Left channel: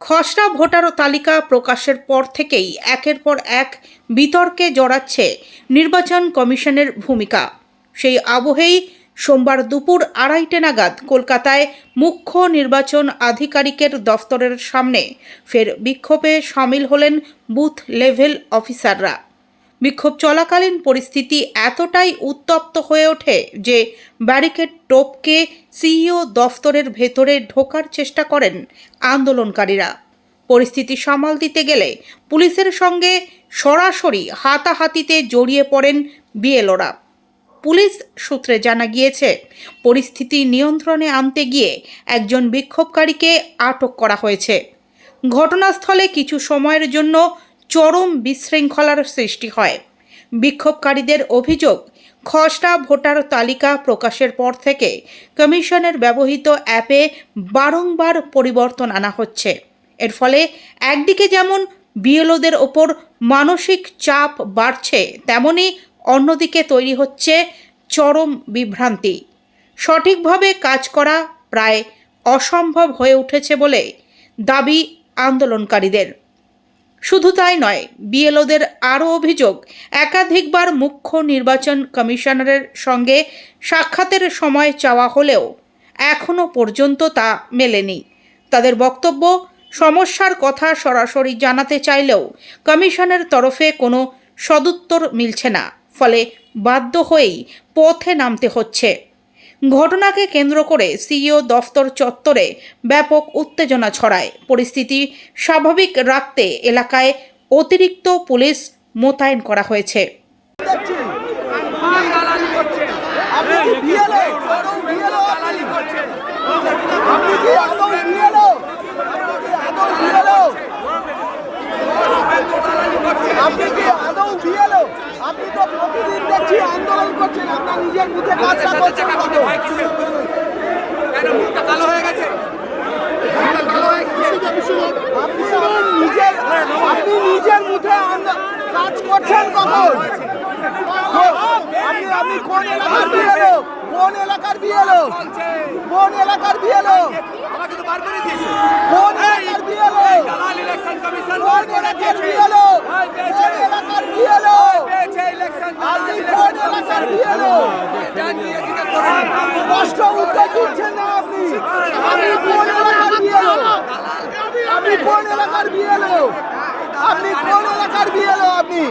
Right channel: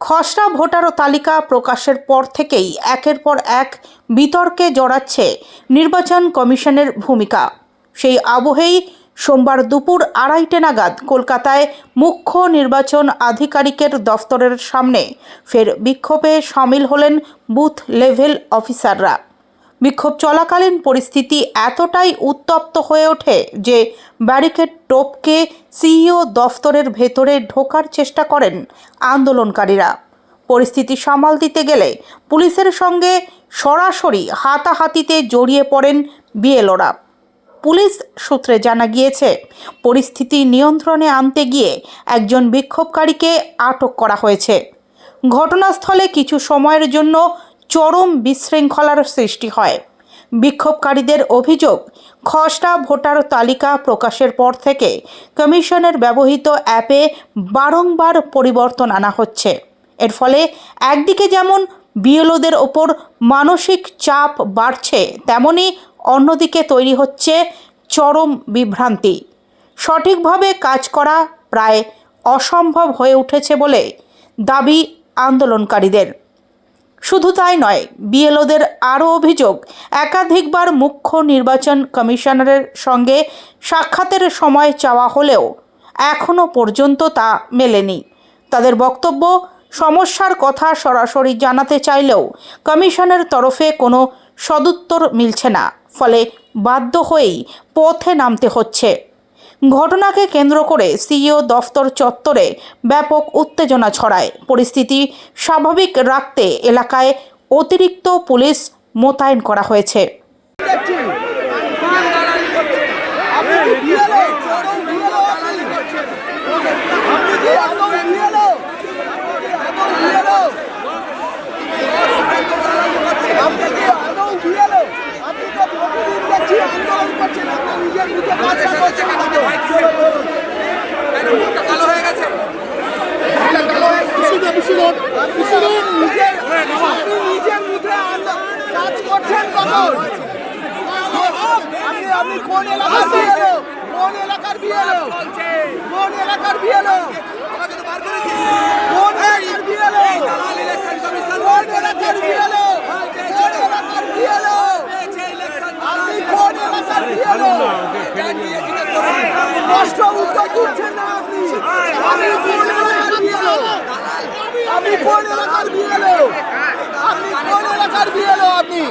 খসড়া ভোটার তালিকা প্রকাশের পর থেকেই একের পর এক বিতর্কে জড়াচ্ছে নির্বাচন কমিশনের ভূমিকা। সেই আবহেই সোমবার দুপুর 2:30 নাগাদ কলকাতায় মুখ্য নির্বাচন আধিকারিকের দফতরের সামনে ফের বিক্ষোভে সামিল হলেন বুথ লেভেল অফিসাররা। বিক্ষোভ চলাকালীন পরিস্থিতি এতটাই উত্তপ্ত হয়ে ওঠে যে ব্যারিকেড টপকে সিইও দফতরের ভেতরে ঢোকার চেষ্টা করেন আন্দোলনকারীরা। পরিস্থিতি সামাল দিতে গেলে পুলিশের সঙ্গে সরাসরি হাতাহাতিতে জড়িয়ে পড়েন বিএলওরা। পুলিশ সূত্রে জানা গিয়েছে, পরিস্থিতি নিয়ন্ত্রণে আনতে গিয়ে একজন বিক্ষোভকারীকে আটক করা হয়েছে। ঘটনাস্থলে কিছু সময়ের জন্য চরম বিশৃঙ্খলার সৃষ্টি হয়। বিক্ষোভকারীদের অভিযোগ, খসড়া ভোটার তালিকা প্রকাশের পর থেকে কমিশনের ব্যবহৃত অ্যাপে বারংবার পরিবর্তন আনা হচ্ছে। এর ফলে একদিকে যেমন বিএলওদের ওপর মানসিক চাপ বাড়ছে, তেমনি অন্যদিকে তৈরি হচ্ছে চরম বিভ্রান্তি। সঠিকভাবে কাজ করা প্রায় অসম্ভব হয়ে উঠেছে বলে দাবি আন্দোলনকারীদের। শুধু তাই নয়, বিএলওদের আরও অভিযোগ, একাধিকবার মুখ্য নির্বাচন কমিশনারের সঙ্গে সাক্ষাতের সময় চাওয়া হলেও এখনও পর্যন্ত তা মেলেনি। তাদের বক্তব্য, সমস্যার কথা সরাসরি জানাতে চাইলেও কমিশনের তরফে কোনো সদুত্তর মিলছে না, ফলে বাধ্য হয়েই পথে নামতে হচ্ছে। ঘটনাকে কেন্দ্র করে সিইও দফতর চত্বরে ব্যাপক উত্তেজনা ছড়ায়। পরিস্থিতি স্বাভাবিক রাখতে এলাকায় অতিরিক্ত পুলিশ মোতায়েন করা হয়েছে। আপনি তো প্রতিদিন দেখছি আন্দোলন করছেন, আপনার নিজের মুখে কাজটা করছেন না তো? কেন মুখটা কালো হয়ে গেছে? আপনি নিজের মুখে কাজ করছেন কখন? আপনি কোন এলাকার বিএলও? কোন এলাকার বিএলও? কোন এলাকার বিএলও? আমাকে তো বার করে দিয়েছে। কোন এলাকার বিএলও? দালাল ইলেকশন কমিশন বার করে দিয়েছে। বিএলও কোন এলাকার বিএলও? ইলেকশন দালাল ইলেকশন কমিশন বিএলও জান দিয়ে কি করে? প্রশ্ন উত্তর দিচ্ছেন না আপনি। আপনি কোন এলাকার বিএলও? আপনি কোন এলাকার বিএলও? আপনি কোন এলাকার বিএলও? আপনি